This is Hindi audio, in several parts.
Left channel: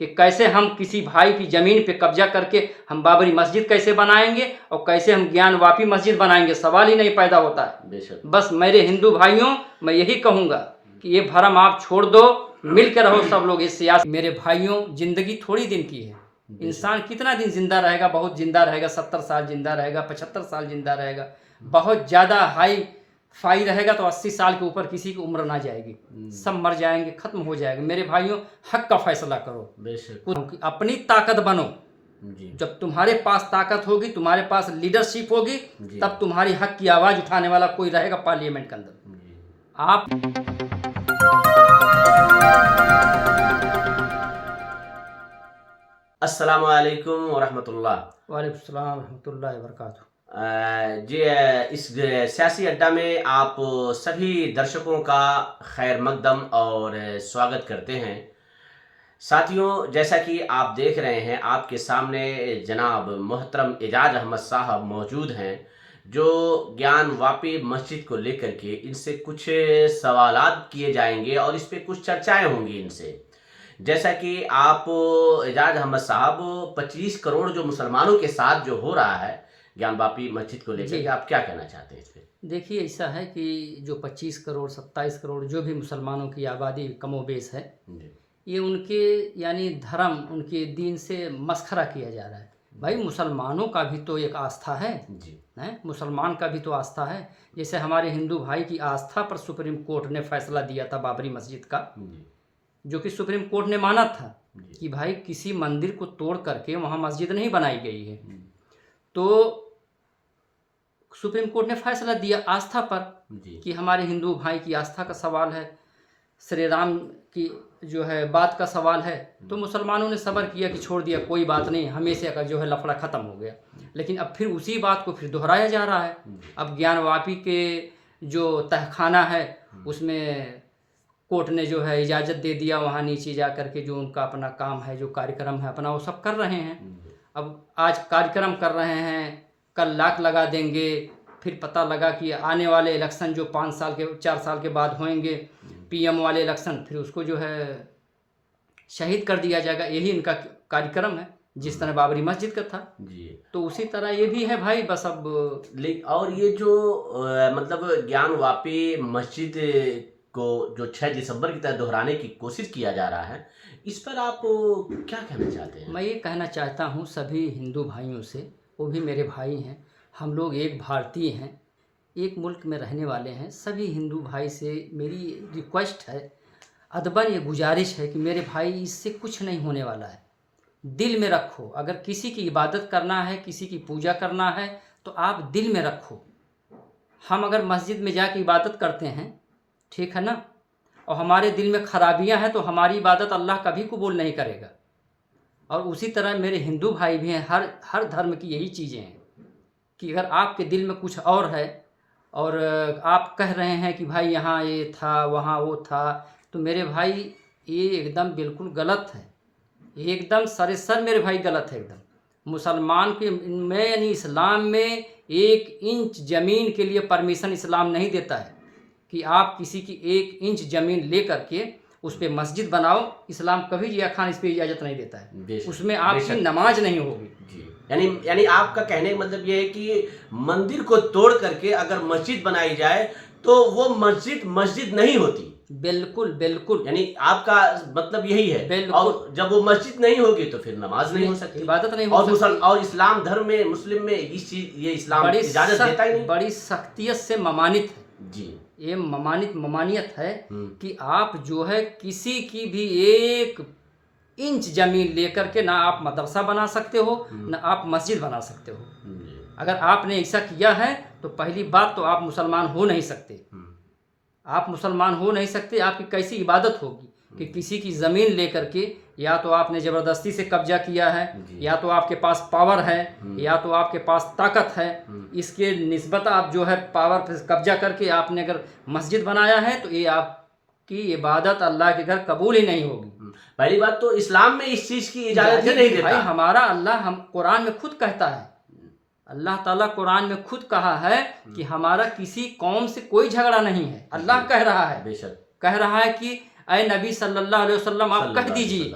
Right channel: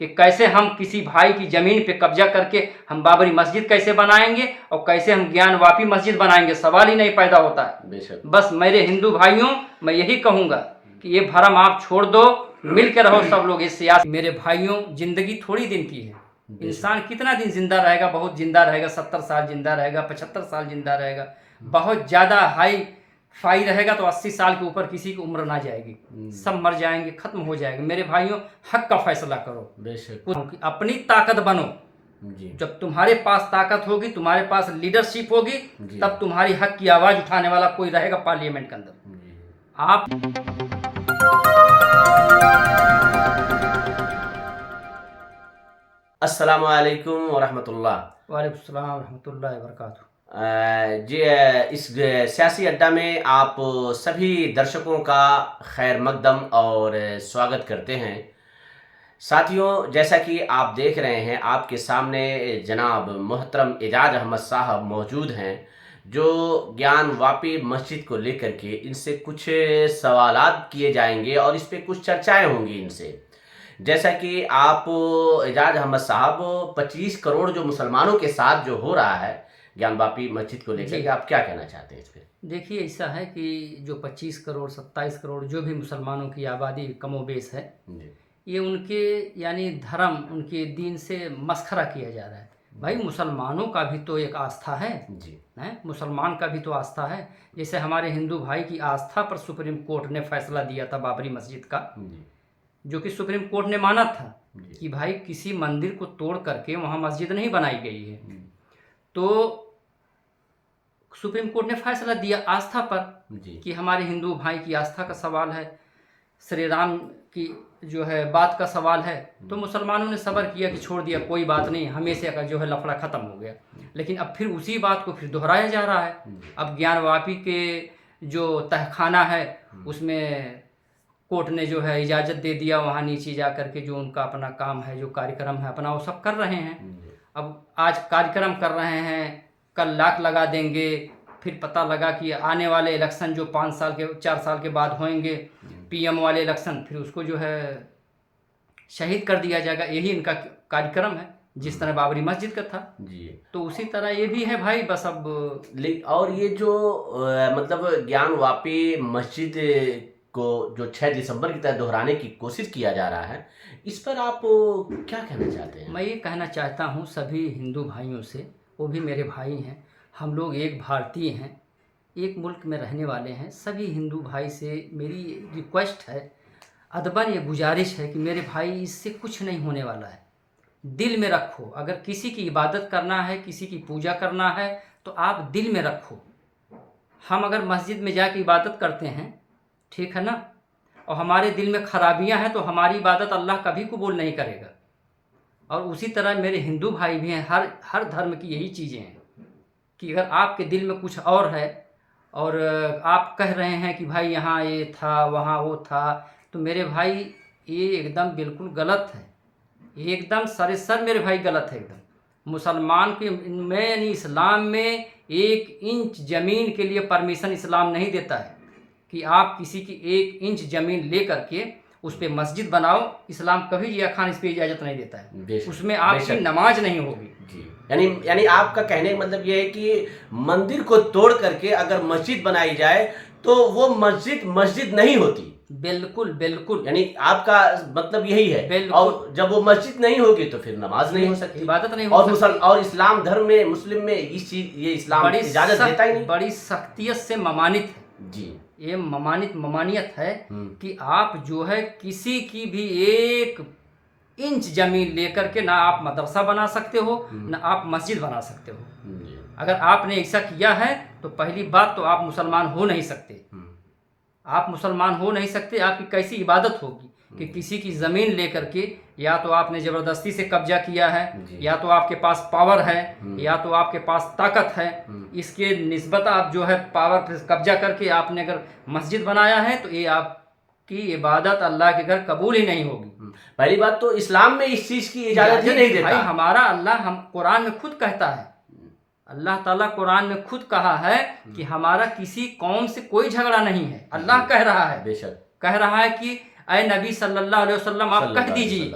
कि कैसे हम किसी भाई की ज़मीन पे कब्जा करके हम बाबरी मस्जिद कैसे बनाएंगे और कैसे हम ज्ञानवापी मस्जिद बनाएंगे, सवाल ही नहीं पैदा होता है। बस मेरे हिंदू भाइयों, मैं यही कहूँगा कि ये भरम आप छोड़ दो, मिल के रहो सब लोग इस सियासत। मेरे भाइयों, ज़िंदगी थोड़ी दिन की है, इंसान कितना दिन जिंदा रहेगा? बहुत जिंदा रहेगा, 70 साल जिंदा रहेगा, 75 साल जिंदा रहेगा, बहुत ज़्यादा हाई फाई रहेगा तो 80 साल के ऊपर किसी की उम्र ना जाएगी, सब मर जाएंगे, खत्म हो जाएंगे। मेरे भाइयों, हक का फैसला करो, अपनी ताकत बनो। जब तुम्हारे पास ताकत होगी, तुम्हारे पास लीडरशिप होगी, तब तुम्हारी हक की आवाज़ उठाने वाला कोई रहेगा पार्लियामेंट के अंदर। आप अस्सलामु अलैकुम वरहमतुल्लाह। वालेकुम सलाम रहमतुल्लाहि व बरकातहू। जी, इस सियासी अड्डा में आप सभी दर्शकों का खैर मकदम और स्वागत करते हैं। साथियों, जैसा कि आप देख रहे हैं, आपके सामने जनाब मोहतरम एजाज अहमद साहब मौजूद हैं, जो ज्ञानवापी मस्जिद को लेकर के इनसे कुछ सवालात किए जाएंगे और इस पे कुछ चर्चाएं होंगी इनसे। जैसा कि आप एजाज अहमद साहब, 25 करोड़ जो मुसलमानों के साथ जो हो रहा है ज्ञानवापी मस्जिद को लेकर के, आप क्या कहना चाहते हैं इस पे? देखिए, ऐसा है कि जो 25 करोड़ 27 करोड़ जो भी मुसलमानों की आबादी कमोबेश है, ये उनके यानी धर्म, उनके दीन से मस्खरा किया जा रहा है। भाई, मुसलमानों का भी तो एक आस्था है जी। मुसलमान का भी तो आस्था है। जैसे हमारे हिंदू भाई की आस्था पर सुप्रीम कोर्ट ने फैसला दिया था बाबरी मस्जिद का, जो कि सुप्रीम कोर्ट ने माना था कि भाई किसी मंदिर को तोड़ करके वहाँ मस्जिद नहीं बनाई गई है। तो सुप्रीम कोर्ट ने फैसला दिया आस्था पर कि हमारे हिंदू भाई की आस्था का सवाल है, श्री राम की जो है बात का सवाल है। तो मुसलमानों ने सब्र किया कि छोड़ दिया, कोई बात नहीं, हमेशा का जो है लफड़ा ख़त्म हो गया। लेकिन अब फिर उसी बात को फिर दोहराया जा रहा है। अब ज्ञानवापी के जो तहखाना है, उसमें कोर्ट ने जो है इजाज़त दे दिया, वहाँ नीचे जा कर के जो उनका अपना काम है, जो कार्यक्रम है अपना, वो सब कर रहे हैं। अब आज कार्यक्रम कर रहे हैं, कल लाख लगा देंगे, फिर पता लगा कि आने वाले इलेक्शन जो 5 साल के 4 साल के बाद होंगे, पीएम वाले इलेक्शन, फिर उसको जो है शहीद कर दिया जाएगा। यही इनका कार्यक्रम है, जिस तरह बाबरी मस्जिद का था जी। तो उसी तरह ये भी है भाई। बस अब और ये जो मतलब ज्ञानवापी मस्जिद को जो 6 दिसंबर की तरह दोहराने की कोशिश किया जा रहा है, इस पर आप क्या कहना चाहते हैं? मैं ये कहना चाहता हूँ सभी हिंदू भाइयों से, वो भी मेरे भाई हैं, हम लोग एक भारतीय हैं, एक मुल्क में रहने वाले हैं। सभी हिंदू भाई से मेरी रिक्वेस्ट है, अदबन ये गुजारिश है कि मेरे भाई, इससे कुछ नहीं होने वाला है। दिल में रखो, अगर किसी की इबादत करना है, किसी की पूजा करना है, तो आप दिल में रखो। हम अगर मस्जिद में जाकर इबादत करते हैं, ठीक है ना, और हमारे दिल में खराबियां हैं, तो हमारी इबादत अल्लाह कभी कबूल नहीं करेगा। और उसी तरह मेरे हिंदू भाई भी हैं, हर धर्म की यही चीज़ें हैं कि अगर आपके दिल में कुछ और है और आप कह रहे हैं कि भाई यहाँ ये था, वहाँ वो था, तो मेरे भाई ये एकदम बिल्कुल गलत है, एकदम सरेसर मेरे भाई गलत है एकदम। मुसलमान के में यानी इस्लाम में 1 इंच ज़मीन के लिए परमिशन इस्लाम नहीं देता है कि आप किसी की 1 इंच ज़मीन ले करके उस पर मस्जिद बनाओ। इस्लाम कभी जिया खान इस पर इजाज़त नहीं देता है, उसमें आपकी नमाज नहीं होगी। यानी आपका कहने का मतलब ये है कि मंदिर को तोड़ करके अगर मस्जिद बनाई जाए तो वो मस्जिद नहीं होती। बिल्कुल बिल्कुल, यानी आपका मतलब यही है। और जब वो मस्जिद नहीं होगी तो फिर नमाज नहीं हो सकती, इबादत नहीं हो सकती। और इस्लाम धर्म में, मुस्लिम में इस चीज, ये इस्लाम इजाजत देता ही नहीं। बड़ी सख्तियत से ममानित है जी, ये ममानियत है कि आप जो है किसी की भी 1 इंच ज़मीन लेकर के ना आप मदरसा बना सकते हो, ना आप मस्जिद बना सकते हो। अगर आपने ऐसा किया है तो पहली बात तो आप मुसलमान हो नहीं सकते। आप मुसलमान हो नहीं सकते, आपकी कैसी इबादत होगी कि किसी की ज़मीन लेकर के या तो आपने ज़बरदस्ती से कब्जा किया है, या तो आपके पास पावर है, या तो आपके पास ताकत है, इसके निस्बत आप जो है पावर पर कब्जा करके आपने अगर मस्जिद बनाया है, तो ये आपकी इबादत अल्लाह के घर कबूल ही नहीं होगी। पहली बात तो इस्लाम में इस चीज़ की इजाज़त ही नहीं देता। भाई, हमारा अल्लाह हम कुरान में खुद कहता है, अल्लाह ताला कुरान में खुद कहा है कि हमारा किसी कौम से कोई झगड़ा नहीं है। अल्लाह कह रहा है, बेशक कह रहा है कि अय नबी सल्लल्लाहु अलैहि वसल्लम आप कह दीजिए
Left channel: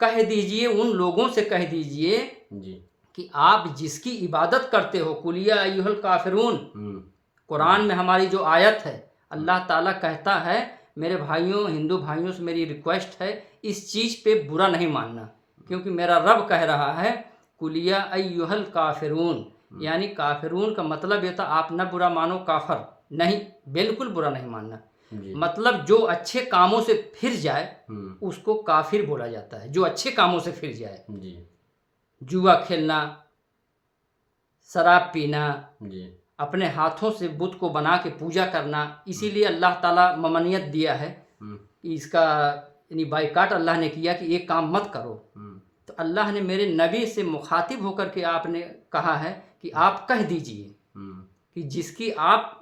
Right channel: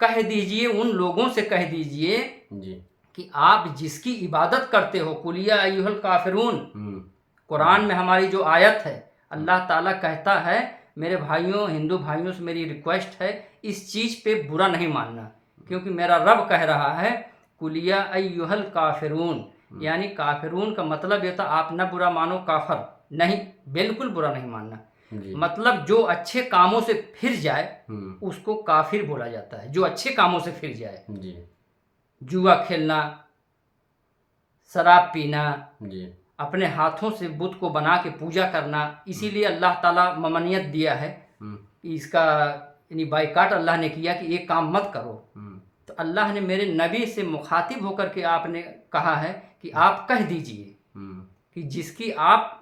कह दीजिए, उन लोगों से कह दीजिए जी। कि आप जिसकी इबादत करते हो, कुलिया अय्युहल काफिरून, हुँ। कुरान में हमारी जो आयत है, अल्लाह ताला कहता है, मेरे भाइयों, हिंदू भाइयों से मेरी रिक्वेस्ट है, इस चीज़ पे बुरा नहीं मानना, क्योंकि मेरा रब कह रहा है कुलिया अय्युहल काफिरून, यानी काफिरून का मतलब ये था आप न बुरा मानो, काफर नहीं, बिल्कुल बुरा नहीं मानना। जी। मतलब जो अच्छे कामों से फिर जाए हुँ। उसको काफिर बोला जाता है, जो अच्छे कामों से फिर जाए। जी। जुआ खेलना, शराब पीना, जी। अपने हाथों से बुत को बना के पूजा करना, इसीलिए अल्लाह ताला ममनियत दिया है हुँ। कि इसका यानी बाइकाट अल्लाह ने किया कि ये काम मत करो। हुँ। तो अल्लाह ने मेरे नबी से मुखातिब होकर के आपने कहा है कि आप कह दीजिए हुँ। कि जिसकी आप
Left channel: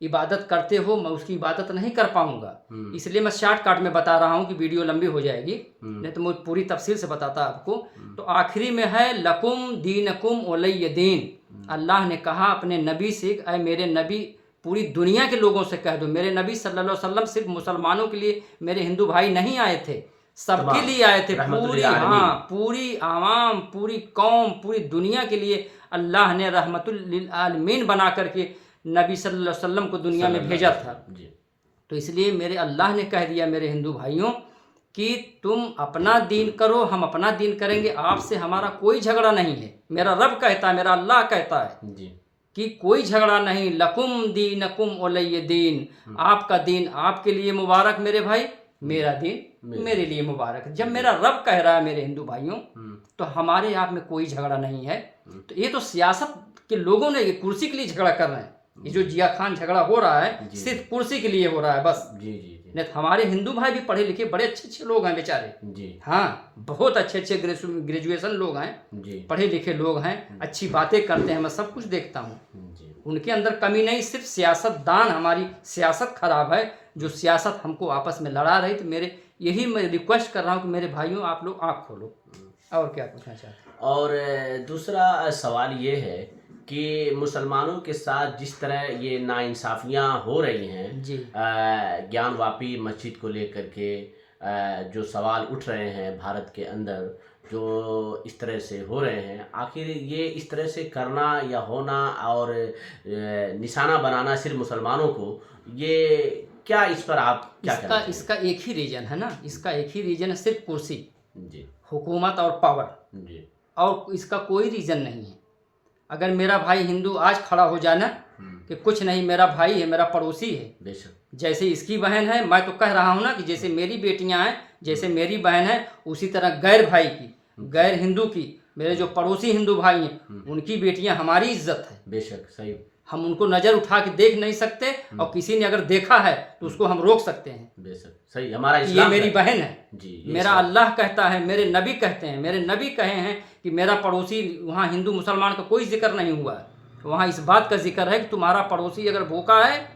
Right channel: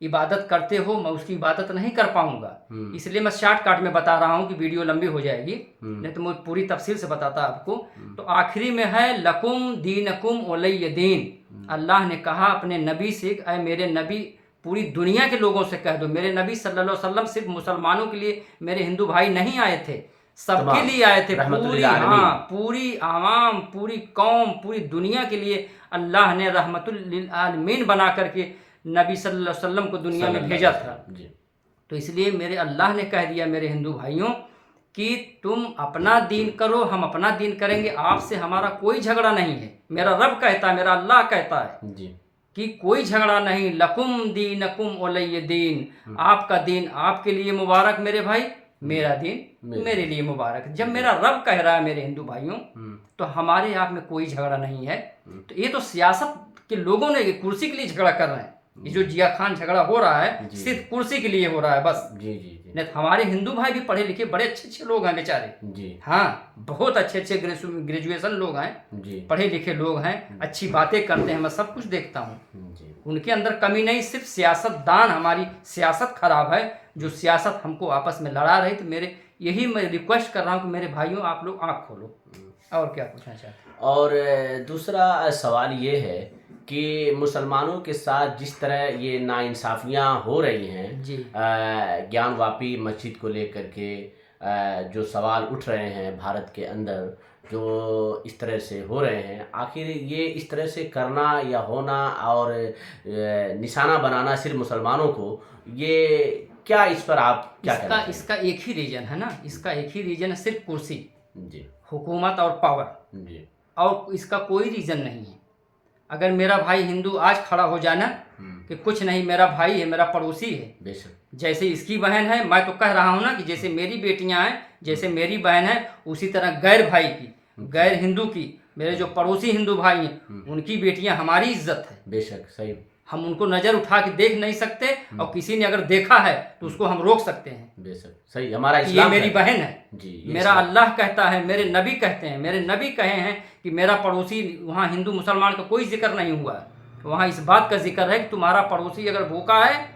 इबादत करते हो मैं उसकी इबादत नहीं कर पाऊँगा। हुँ। इसलिए मैं शॉर्टकट में बता रहा हूँ कि वीडियो लंबी हो जाएगी, हुँ। नहीं तो मैं पूरी तफसील से बताता आपको। हुँ। तो आखिरी में है लकुम दीनकुम वलिय दीन। अल्लाह ने कहा अपने नबी से, ऐ मेरे नबी, पूरी दुनिया के लोगों से कह दो, मेरे नबी सल्लल्लाहु अलैहि वसल्लम सिर्फ मुसलमानों के लिए, मेरे हिंदू भाई नहीं आए थे, सबके तमाम लिए आए थे, रहमतुल पूरी, लिल आलमीन। हाँ, पूरी आवाम, पूरी कौम, पूरी दुनिया के लिए अल्लाह ने रहमतुल लिल आलमीन बना करके नबी सल्लल्लाहु अलैहि वसल्लम को दुनिया में सल्लल्लाहु भेजा अलैहि था। वसल्लम। जी। तो इसलिए मेरे अल्लाह ने कह दिया मेरे हिंदू भाइयों कि तुम अपना दीन करो, हम अपना दीन करेंगे, आपसे हमारा कोई झगड़ा नहीं है। मेरा रब कहता है, मेरा अल्लाह कहता है जी। कि कोई झगड़ा नहीं, लकुम दीनकुम वलिय दीन, आपका दीन आपके लिए मुबारक मेरे भाई, मेरा दीन मेरे लिए मुबारक। जब मेरा रब कह रहा है मेरे हिंदू भाइयों, तो हमारे आप में कोई झगड़ा नहीं है। तो ये तो सियासत के लोगों ने ये कुर्सी के लिए झगड़ा कर रहे हैं। ये जो जिया खान झगड़ा हो रहा है जी। सिर्फ कुर्सी के लिए हो रहा है बस। जी। जी। जी। नहीं तो हमारे हिंदू भाई भी पढ़े लिखे बड़े अच्छे अच्छे लोग हैं बेचारे, जी। हाँ, बहुत अच्छे अच्छे ग्रेजुएशन लोग हैं, जी। पढ़े लिखे लोग हैं, अच्छी बातें करते हैं, मैं सब कुछ देखता हूँ, जी। उनके अंदर कमी नहीं। सिर्फ सियासतदान, हमारी सियासत खराब है, जो सियासत हमको आपस में लड़ा रही। तो मेरे यही मैं रिक्वेस्ट कर रहा हूँ कि मेरे भाइयों आप लोग आँख खोलो। और क्या पूछना चाहते हैं? और दूसरा सवाल ये है कि मुसलमानों के साथ जिस तरह ये नाइंसाफ़ियाँ हो रही हैं, जी। ज्ञानवापी मस्जिद को लेकर के जो सवाल उठ रहे हैं भारत के अंदर, जो इस तरह से हो रहे हैं, आखिर ये इस तरह से करना या होना और निशाना बनाना सिर्फ मुसलमानों को, ये क्या, इस पर आप क्या कहना चाहेंगे? इसका एक ही रीजन है ना, इसका एक ही रीजन है, सिर्फ कुर्सी, जी। हुकूमत और पावर, जी। और इसका कोई रीज़न नहीं है। अगर मेरा भाई हिंदू आज खड़ा हो जाना कि कुछ नहीं, मेरा भाई है, मेरा पड़ोसी है, बेशक। जैसे इसकी बहन है, मैं तो कह रहा हूँ ना कि जैसे मेरी बेटियां हैं, जैसे मेरी बहन है, उसी तरह गैर भाई की, गैर हिंदू की, मेरे जो पड़ोसी हिंदू भाई हैं, उनकी बेटियां हमारी इज्जत है। बेशक, सही। हम उनको नज़र उठा के देख नहीं सकते, और किसी ने अगर देखा है तो उसको हम रोक सकते हैं। बेशक, सही। हमारा ये इस्लाम मेरी कहता बहन है, जी, ये मेरा इस्लाम। अल्लाह कहता है, मेरे नबी कहते हैं, मेरे नबी कहे हैं कि मेरा पड़ोसी, वहाँ हिंदू मुसलमान का कोई जिक्र नहीं हुआ है, वहाँ इस बात का जिक्र है कि तुम्हारा पड़ोसी अगर भूखा है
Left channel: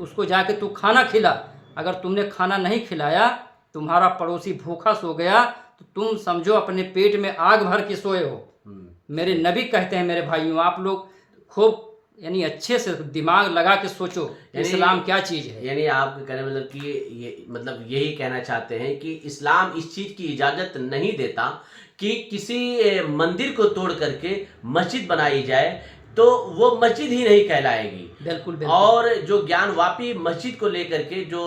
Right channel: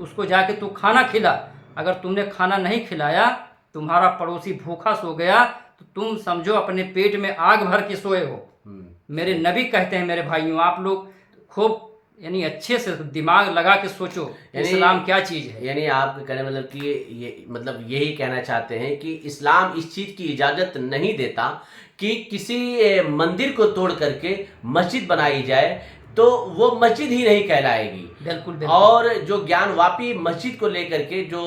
उसको जाके तू खाना खिला। अगर तुमने खाना नहीं खिलाया, तुम्हारा पड़ोसी भूखा सो गया, तो तुम समझो अपने पेट में आग भर के सोए हो। मेरे नबी कहते हैं मेरे भाइयों, आप लोग खूब यानी अच्छे से दिमाग लगा के सोचो इस्लाम क्या चीज़ है। यानी आपके कहने मतलब कि ये मतलब यही कहना चाहते हैं कि इस्लाम इस चीज़ की इजाज़त नहीं देता कि किसी मंदिर को तोड़ करके मस्जिद बनाई जाए, तो वो मस्जिद ही नहीं कहलाएगी। बिल्कुल। और जो ज्ञानवापी मस्जिद को लेकर के जो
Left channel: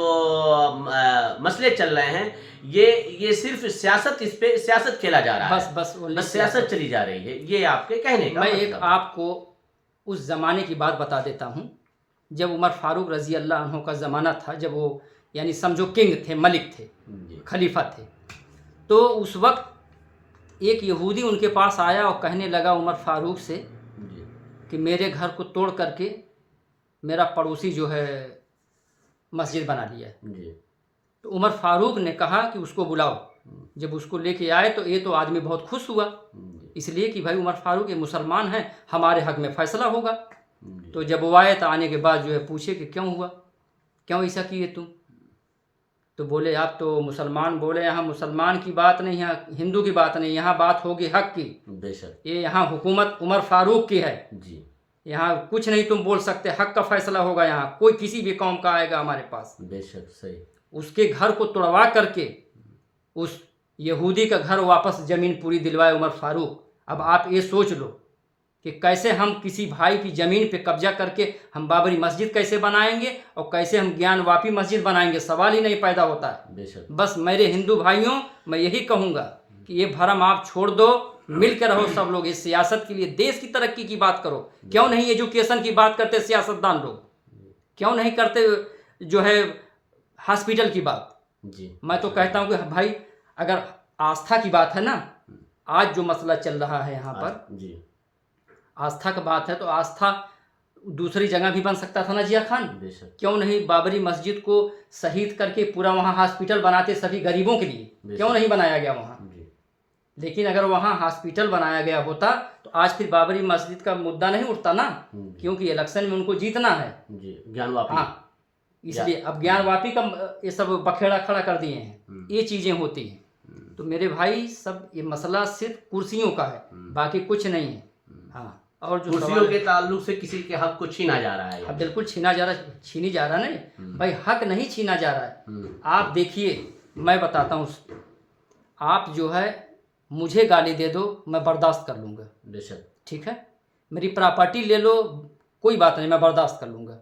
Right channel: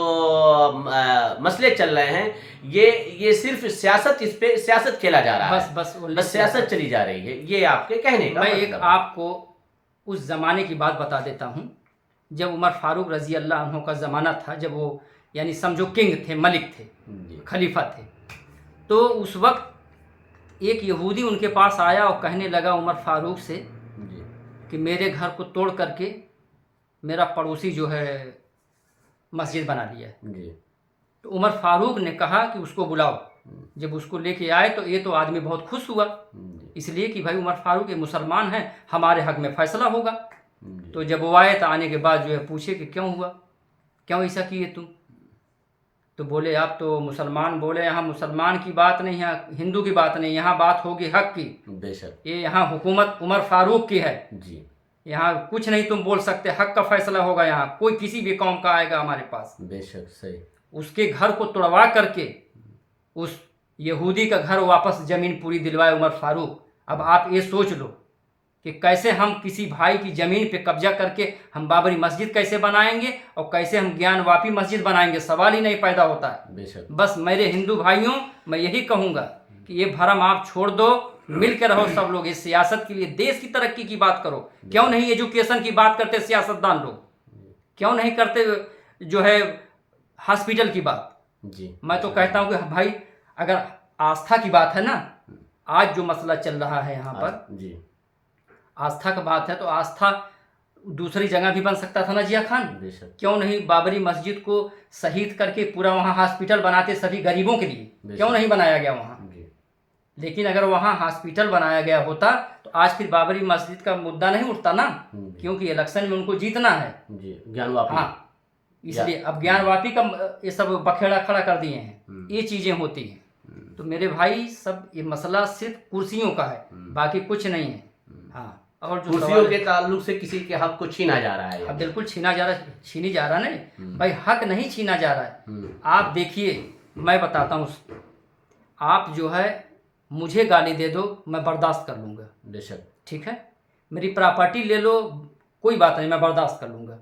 मसले चल रहे हैं, ये सिर्फ सियासत, इस पे सियासत खेला जा रहा है, बस सियासत चली जा रही है, ये आपके कहने का मैं मतलब। एक आपको उस ज़माने की बात बता देता हूँ, जब उमर फारूक रज़ी अल्लाह अन्हु का ज़माना था, जब वो यानी समझो किंग थे, मलिक थे, खलीफा थे। तो उस वक्त एक यहूदी उनके पास आया और कहने लगा उमर फारूक से कि मेरे घर को तोड़ करके मेरा पड़ोसी जो है मस्जिद बना लिया है। तो उमर फारूक ने कहा कि उसको बुलाओ। जब उसको लेके आए तो ये तो आदमी बहुत खुश हुआ, इसलिए कि भाई उमर फारूक ये मुसलमान हैं, हमारे हक में फ़ैसला होगा। तो जब वो आए तो आने के बाद जो है पूछे कि क्यों हुआ, क्यों ऐसा किए तुम? तो बोले आप तो मुसलमान, बोले यहाँ मुसलमान की बात नहीं है, हिंदू की बात नहीं, यहाँ बात होगी हक की। बेशक। ये यहाँ हुकूमत उमर फारूक की है जी। यहाँ कुछ नहीं तुम बोल सकते, हक का फैसला होगा, यहाँ कोई किसी भी कौम का आएगा हमारे पास। बेशक, सही। उसके घर को तोड़वा करके उस यहूदी का घर वापस ज़मीन पूरी दिलवाए उमर फारूक। अब आप ये सोच लो कि कैसे हम किसी भाई की ज़मीन पे कब्जा करके हम बाबरी मस्जिद कैसे बनाएंगे और कैसे हम ज्ञानवापी मस्जिद बनाएंगे, सवाल ही नहीं पैदा होता है। बेशक। बस मेरे हिंदू भाइयों, मैं यही कहूँगा कि ये भरम आप छोड़ दो, मिल के रहो सब लोग। इस सियासत के लिए, देश की तरक्की की बात करो। क्यों नहीं एजुकेशन की बात करते सियासतदान लोग? क्यों नहीं करते जो है हॉस्पिटल की बात? जी। मैं तो कहता हूँ कि भाई अगर आस्था की बात है ना, आज जो मसला चल रहा है यहाँ पर, जी, आस्था का बात है तो आस्था दूसरी जगह भी बन सकता था ना जिया खान। बेशक। क्यों नहीं बाबरी मस्जिद को शहीद करके पूरा वहाँ हॉस्पिटल बनाते सभी गरीबों के लिए? क्यों नहीं बनाया गया वहाँ? लेकिन अगर वहाँ हॉस्पिटल बनाया गया होता तो आज फिर बाबरी मस्जिद का मुद्दा नहीं उठता ना, क्योंकि इलेक्शन में उनको जीतना है। जी, ज्ञानवापी। हाँ, इसलिए अब ज्ञानवापी का ये सब बखेड़ा खड़ा कर दिए हैं, ये चीज़ें होती हैं। तो मेरे भाई सब ये मसला सिर्फ कुर्सियों का है, बाकी कुछ नहीं है। हाँ, और जो कुर्सियों के ताल्लुक से किसी के हक को छीना जा रहा है। अब बिल्कुल छीना जा रहा है, छीनी जा रहा नहीं भाई, हक नहीं छीना जा रहा है। आप देखिए, मैं बताता हूँ, आप जो है मुझे गाली दे दो, मैं बर्दाश्त कर लूँगा। बेशक। ठीक है, मेरी प्रॉपर्टी ले लो, कोई बात नहीं, मैं बर्दाश्त कर लूँगा।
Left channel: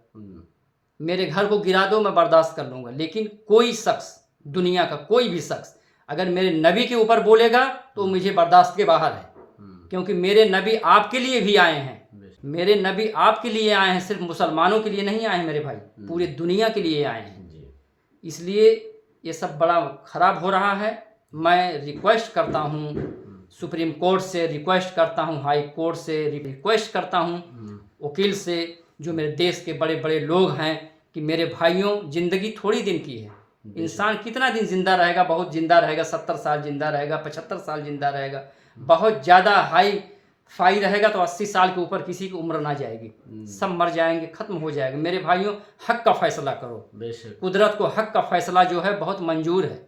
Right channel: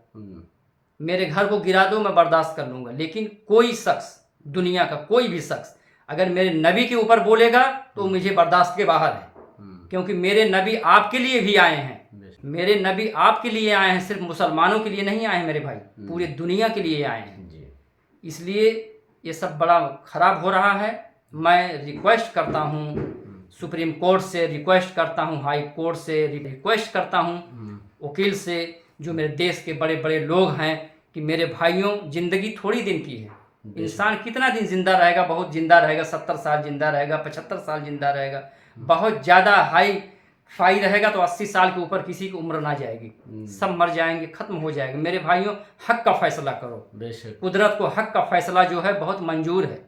मेरे घर को गिरा दो, मैं बर्दाश्त कर लूँगा। लेकिन कोई शख्स, दुनिया का कोई भी शख्स अगर मेरे नबी के ऊपर बोलेगा तो मुझे बर्दाश्त के बाहर है, क्योंकि मेरे नबी आपके लिए भी आए हैं। मेरे नबी आपके लिए आए हैं, सिर्फ मुसलमानों के लिए नहीं आए हैं मेरे भाई, पूरे दुनिया के लिए आए हैं। इसलिए ये सब बड़ा ख़राब हो रहा है। मैं रिक्वेस्ट करता हूँ सुप्रीम कोर्ट से, रिक्वेस्ट करता हूँ हाई कोर्ट से, रिक्वेस्ट करता हूँ वकील से, जो मेरे देश के बड़े बड़े लोग हैं, कि मेरे भाइयों, ज़िंदगी थोड़ी दिन की है। इंसान कितना दिन ज़िंदा रहेगा? बहुत ज़िंदा रहेगा, 70 साल ज़िंदा रहेगा, 75 साल ज़िंदा रहेगा। बहुत ज़्यादा हाई फाई रहेगा तो 80 साल के ऊपर किसी की उम्र ना जाएगी, सब मर जाएंगे, ख़त्म हो जाएगा। मेरे भाइयों, हक का फैसला करो। कुदरत को हक का फैसला जो है बहुत मंजूर है।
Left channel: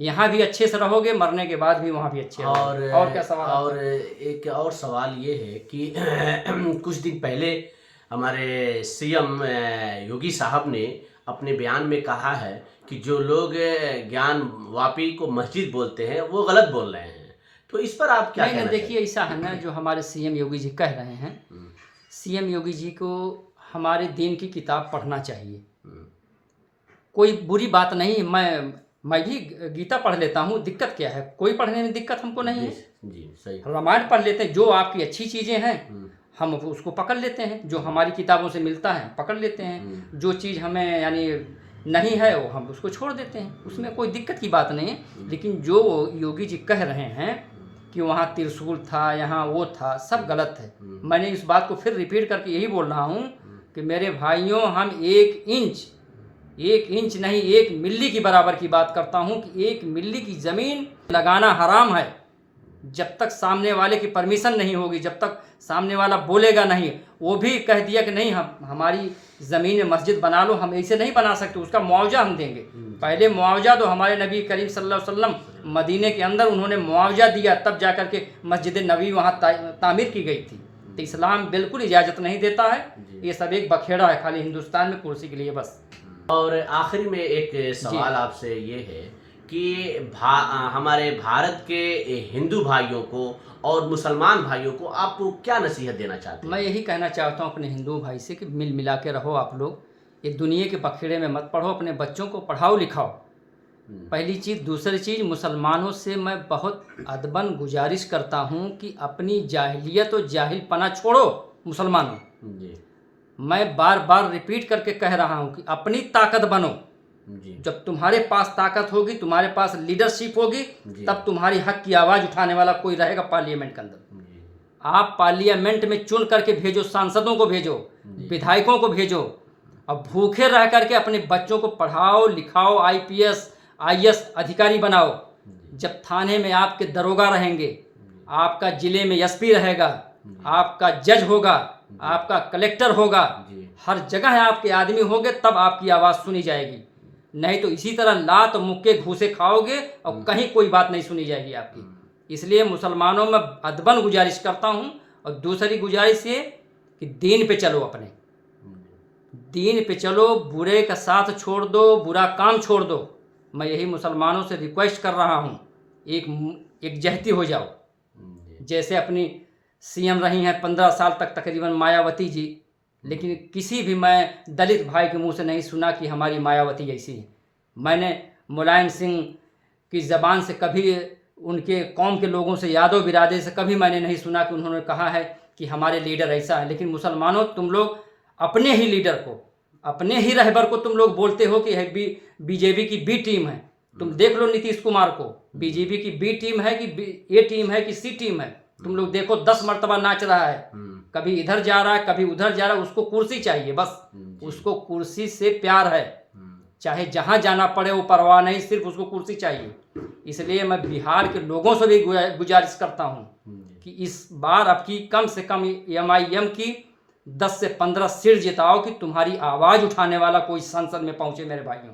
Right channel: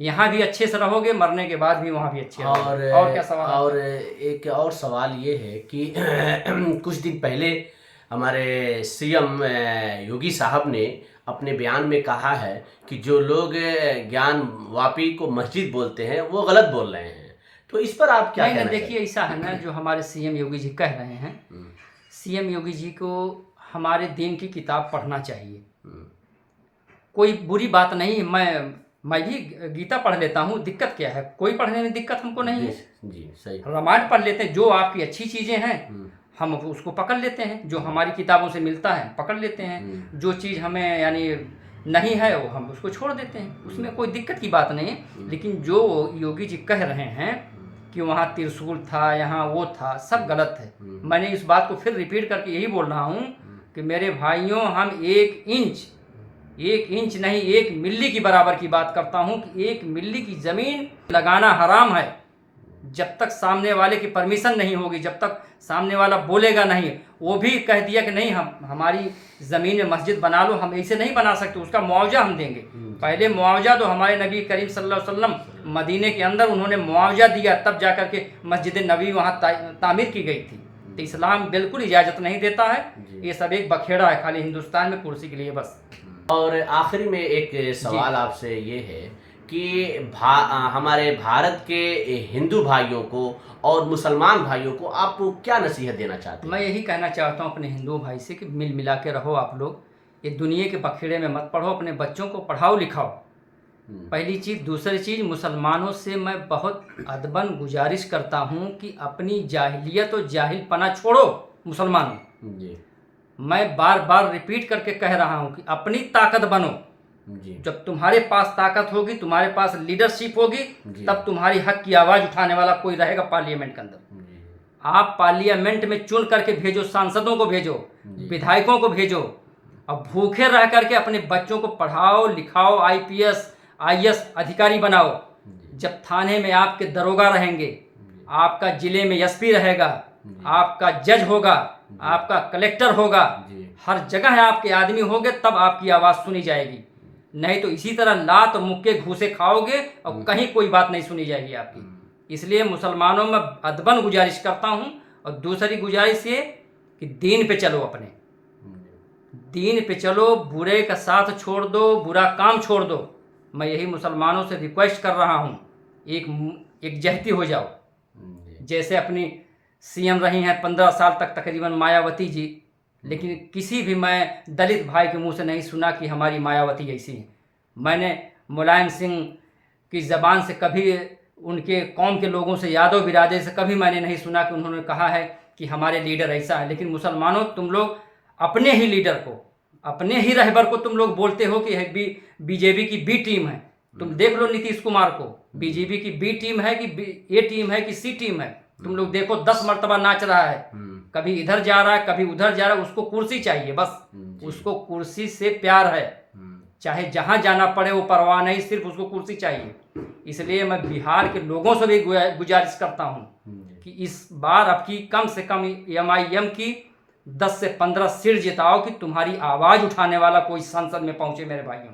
यहाँ भी अच्छे से रहोगे, मरने के बाद भी वहाँ भी अच्छे रहोगे। और क्या सवाल? और एक और सवाल ये है कि कुछ दिन पहले हमारे सीएम योगी साहब ने अपने बयान में कहा है कि जो लोग ज्ञानवापी को मस्जिद बोलते हैं वो गलत बोल रहे हैं। तो इस पर आप क्या कहना चाहते हैं? देखिए, ऐसा है ना, जो हमारे सीएम योगी जी कह रहे हैं, सीएम योगी जी को हमारे दीन की किताब पढ़ना चाहिए। कोई बुरी बात नहीं, मैं भी गीता पढ़ लेता हूँ, दिक्कत क्या है? कोई पढ़ने में दिक्कत हमको नहीं है। जी, सही। रामायण पढ़ लेते हैं, जो आपकी अच्छी चीज़ें हैं हम उसको पकड़ लेते हैं, जो हमारी किताबों से मिलता है पकड़ लेते हैं। जो चीज़ हमें यानी नहीं है वो हम उसको छोड़ देते हैं, उसमें कोई दिक्कत की बात नहीं है। लेकिन जो योगी जी कह रहे हैं कि वहाँ त्रिशूल था, यहाँ वो था, सब गलत है। मैंने इस बात को फिर रिपीट करके यही बोल रहा हूँ कि मेरे भाइयों, हम 1 इंच नहीं, 1 मिली की बराबर की बात करता हूँ कि 1 मिली की ज़मीन लगाना हराम है। जब तक सामने वाले की परमिशन नहीं होगी, जब तक सामने वाला बोलेगा नहीं, वो भी कह दिया कि नहीं हम हमारी ज़मीन में मस्जिद बना लो, हम ऐसे नहीं बना सकते, उसका मुआवजा हम देंगे। पहले मुआवजा तो हमारे नबी करीम सल्लल्लाहु अलैहि वसल्लम मदीने के अंदर उन्होंने मुआवजा दिया, तब जा कर के मस्जिद नबी वहाँ तामीर की गई थी। तो इस्लाम बिल्कुल इजाज़त नहीं देता है, ये सब एक बखेड़ा है खाली हिंदुस्तान में कुर्सी के लिए बस। और आखिरी में एक सवाल आपसे ये है कि हमारे भारत के हिंदू भाइयों को और मुसलमान भाइयों को आप क्या नसीहत देना चाहते हैं? मैं यही कहना चाहता हूँ अपने हिंदू भाई से कि मिल मिला के रहो आप लोग, ये दुनिया के बखेड़े में मत पढ़ो, अपने बच्चों को पढ़ाओ लिखाओ, पहली चीज़। दूसरी चीज़, मुसलमानों से मैं बहुत अदबन गुजारिश करता हूँ कि अपनी जाहिलियत और जाहिलपना छोड़ो मुसलमानों जी। मैं बार बार रिपीट करके कह रहा हूँ कि अपनी ताकत बनो जी। जब तुम्हारे पास ताकत होगी, तुम्हारे पास लीडरशिप होगी, तब तुम्हारी हक की आवाज़ उठाने वाला कोई रहेगा पार्लियामेंट के अंदर। आप पार्लियामेंट में चुन करके भेजो, सांसदों को भेजो, विधायकों को भेजो, और भूखे रह करके अपने बच्चों को पढ़ाओ लिखाओ, IPS IAS अधिकारी बनाओ। जब थाने में आपके दरोगा रहेंगे, आपका जिले में SP रहेगा, आपका जज होगा, आपका कलेक्टर होगा, हर जगह आपके आदमी होंगे, तब आपकी आवाज़ सुनी जाएगी। नहीं तो इसी तरह लात मुक्के घूसे खाओगे और कहीं कोई बात नहीं सुनी जाएगी आपकी। इसलिए मुसलमानों में अदबन गुजारिश करता हूँ। और दूसरी गुजारिश ये कि दीन पे चलो, अपने दीन पे चलो, बुरे का साथ छोड़ दो, बुरा काम छोड़ दो। मैं यही मुसलमानों से रिक्वेस्ट कर रहा हूँ एक जहती हो जाओ। जी। जैसे अपनी सीएम रही हैं 15 साल तक तकरीबन मायावती जी, लेकिन किसी भी मैं दलित भाई के मुंह से नहीं सुना कि हमारी मायावती ऐसी है। मैंने मुलायम सिंह की ज़बान से कभी, उनके कौम के लोगों से, यादव बिरादरी से कभी मैंने नहीं सुना कि उन्होंने कहा है कि हमारे लीडर ऐसा है। लेकिन मुसलमानों, तुम लोग अपने ही लीडर को, अपने ही रहबर को तुम लोग बोलते हो कि बीजेपी की बी टीम है। तुम देख लो नीतीश कुमार को, बीजेपी की बी टीम है कि ए टीम है कि सी टीम है। तुम लोग देखो 10 मरतबा नाच रहा है, कभी इधर जा रहा है कभी उधर जा रहा है। उसको कुर्सी चाहिए बस, उसको कुर्सी से प्यार है, चाहे जहां जाना पड़े वो परवाह नहीं, सिर्फ उसको कुर्सी चाहिए। इसलिए मैं बिहार के लोगों से भी गुजारिश करता हूं कि इस बार अब की कम से कम MIM की 10 से 15 सीट जिताओ कि तुम्हारी आवाज़ उठाने वाला कोई संसद में पहुंचे। मेरे भाइयों,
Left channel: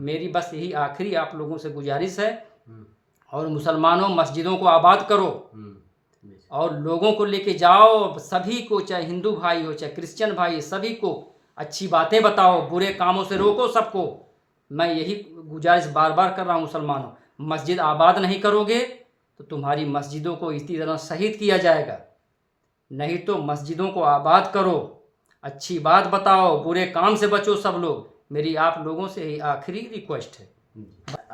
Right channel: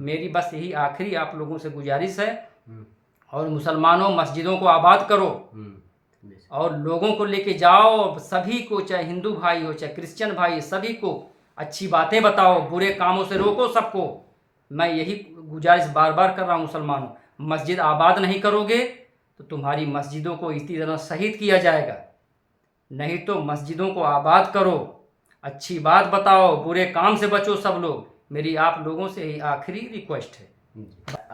मेरी बस यही आखिरी आप लोगों से गुजारिश है। और मुसलमानों, मस्जिदों को आबाद करो और लोगों को लेके जाओ, सभी को, चाहे हिंदू भाई हो चाहे क्रिश्चियन भाई, सभी को अच्छी बातें बताओ, बुरे कामों से रोको सबको। मैं यही गुजारिश बार बार कर रहा हूँ मुसलमानों, मस्जिद आबाद नहीं करोगे तो तुम्हारी मस्जिदों को इसी तरह शहीद किया जाएगा। नहीं तो मस्जिदों को आबाद करो, अच्छी बात बताओ, बुरे काम से बचो सब लोग। मेरी आप लोगों से यही आखिरी रिक्वेस्ट है।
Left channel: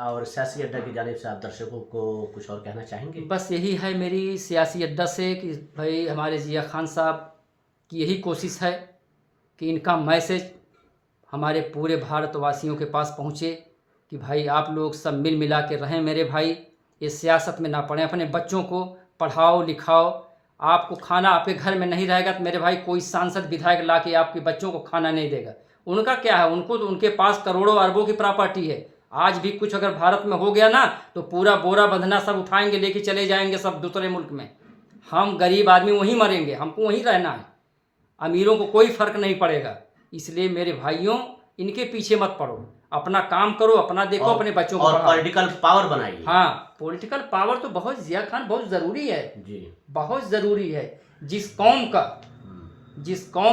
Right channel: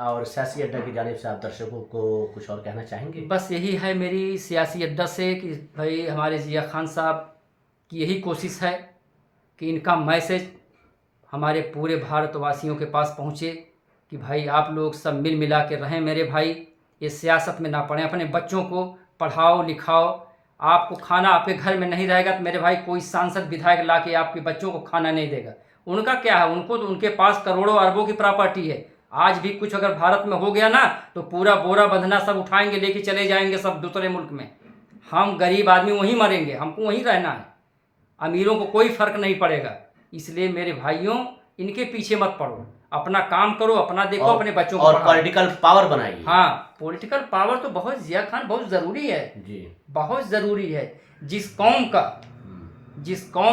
और सियासी अड्डा की जानिब से आप दर्शकों को कुछ और कहना चाहेंगे? बस यही है मेरी सियासी अड्डा से कि भाई हमारे जिया खान साहब की यही कोशिश है कि इनका मैसेज हमारे पूरे भारतवासियों के पास पहुँचे कि भाई आप लोग सब मिल मिला के रहें मेरे भाई, ये सियासत में ना पड़ें, अपने बच्चों को पढ़ाओ लिखाओ। आपको खाना आपके घर में नहीं रहेगा तो मेरे भाई कोई सांसद विधायक ला के आपके बच्चों को खाना नहीं देगा। उनका क्या है, उनको तो उनके पास करोड़ों अरबों की प्रॉपर्टी है। आज भी कुछ अगर भारत में हो गया ना तो पूरा बोरा बंधना सब उठाएंगे, लेके चले जाएंगे सब दूसरे मुल्क में। हम गरीब आदमी वहीं मरेंगे, हमको वहीं रहना है, अमीरों को कोई फर्क नहीं पड़ेगा। इसलिए मेरे भाइयों, इनके पीछे मत पड़ो, अपना काम करो, अपना देखो, अपने बच्चों को और पॉलिटिकल पावर बनाइए। हाँ, पॉलिटिकल पावर तो बहुत, जिया खान बहुत ज़रूरी है जी, बहुत ज़रूरी है। जिस कौम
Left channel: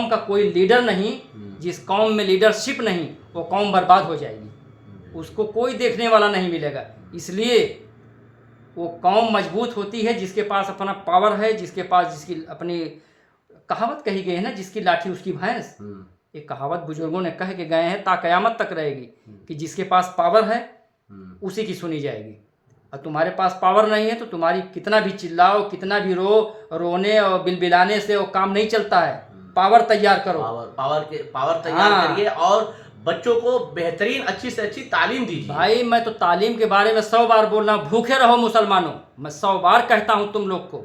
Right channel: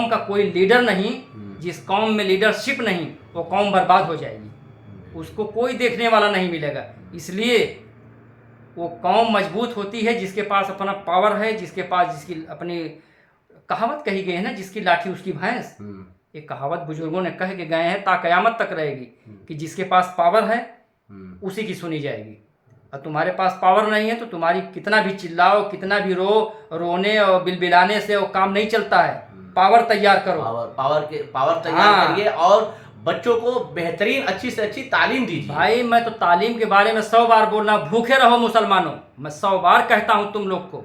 का कोई लीडर नहीं, जिस कौम में लीडरशिप नहीं, वो कौम बर्बाद हो जाएगी, उसको कोई देखने वाला नहीं मिलेगा। इसलिए वो कौम मजबूत होती है जिसके पास अपना पावर है, जिसके पास, जिसकी अपनी, कहावत कही गई है ना, जिसकी लाठी उसकी भैंस। ये कहावत बुजुर्गों ने कह के गए हैं, ता कयामत तक रहेगी कि जिसके पास पावर है उसी की सुनी जाएगी। और तुम्हारे पास पावर नहीं है तो तुम्हारी कितना भी चिल्लाओ, कितना भी रोने और बिलबिलाने से वो काम नहीं चलता है। पावर तैयार करो, पावर तैयार करिए और बच्चों को बेहतरीन अच्छी से अच्छी तालीम दीजिए। भाई मैं तो तालीम के बारे में 100 बार बोल रहा हूँ, भूखे रहो मुसलमानों। मैं 100 बार कहता हूँ तुम लोग को,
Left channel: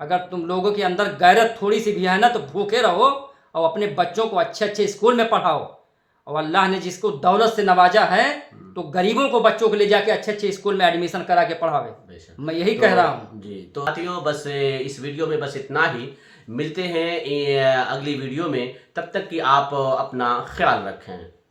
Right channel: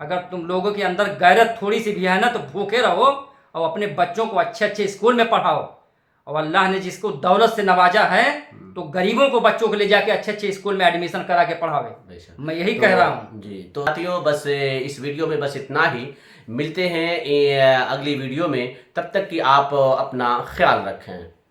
अगर तुम लोगों के अंदर गैरत थोड़ी सी भी है ना तो भूखे रहो और अपने बच्चों को अच्छे अच्छे स्कूल में पढ़ाओ। और अल्लाह ने जिसको दौलत से नवाजा है तो गरीबों को, बच्चों को ले जाके अच्छे अच्छे स्कूल में एडमिशन करा के पढ़ावे। मैं यही कह रहा हूँ जी। तो साथियों, बस इस वीडियो में बस इतना ही। मिलते हैं अगली वीडियो में, तब तक कि आप अपना ख्याल रखें।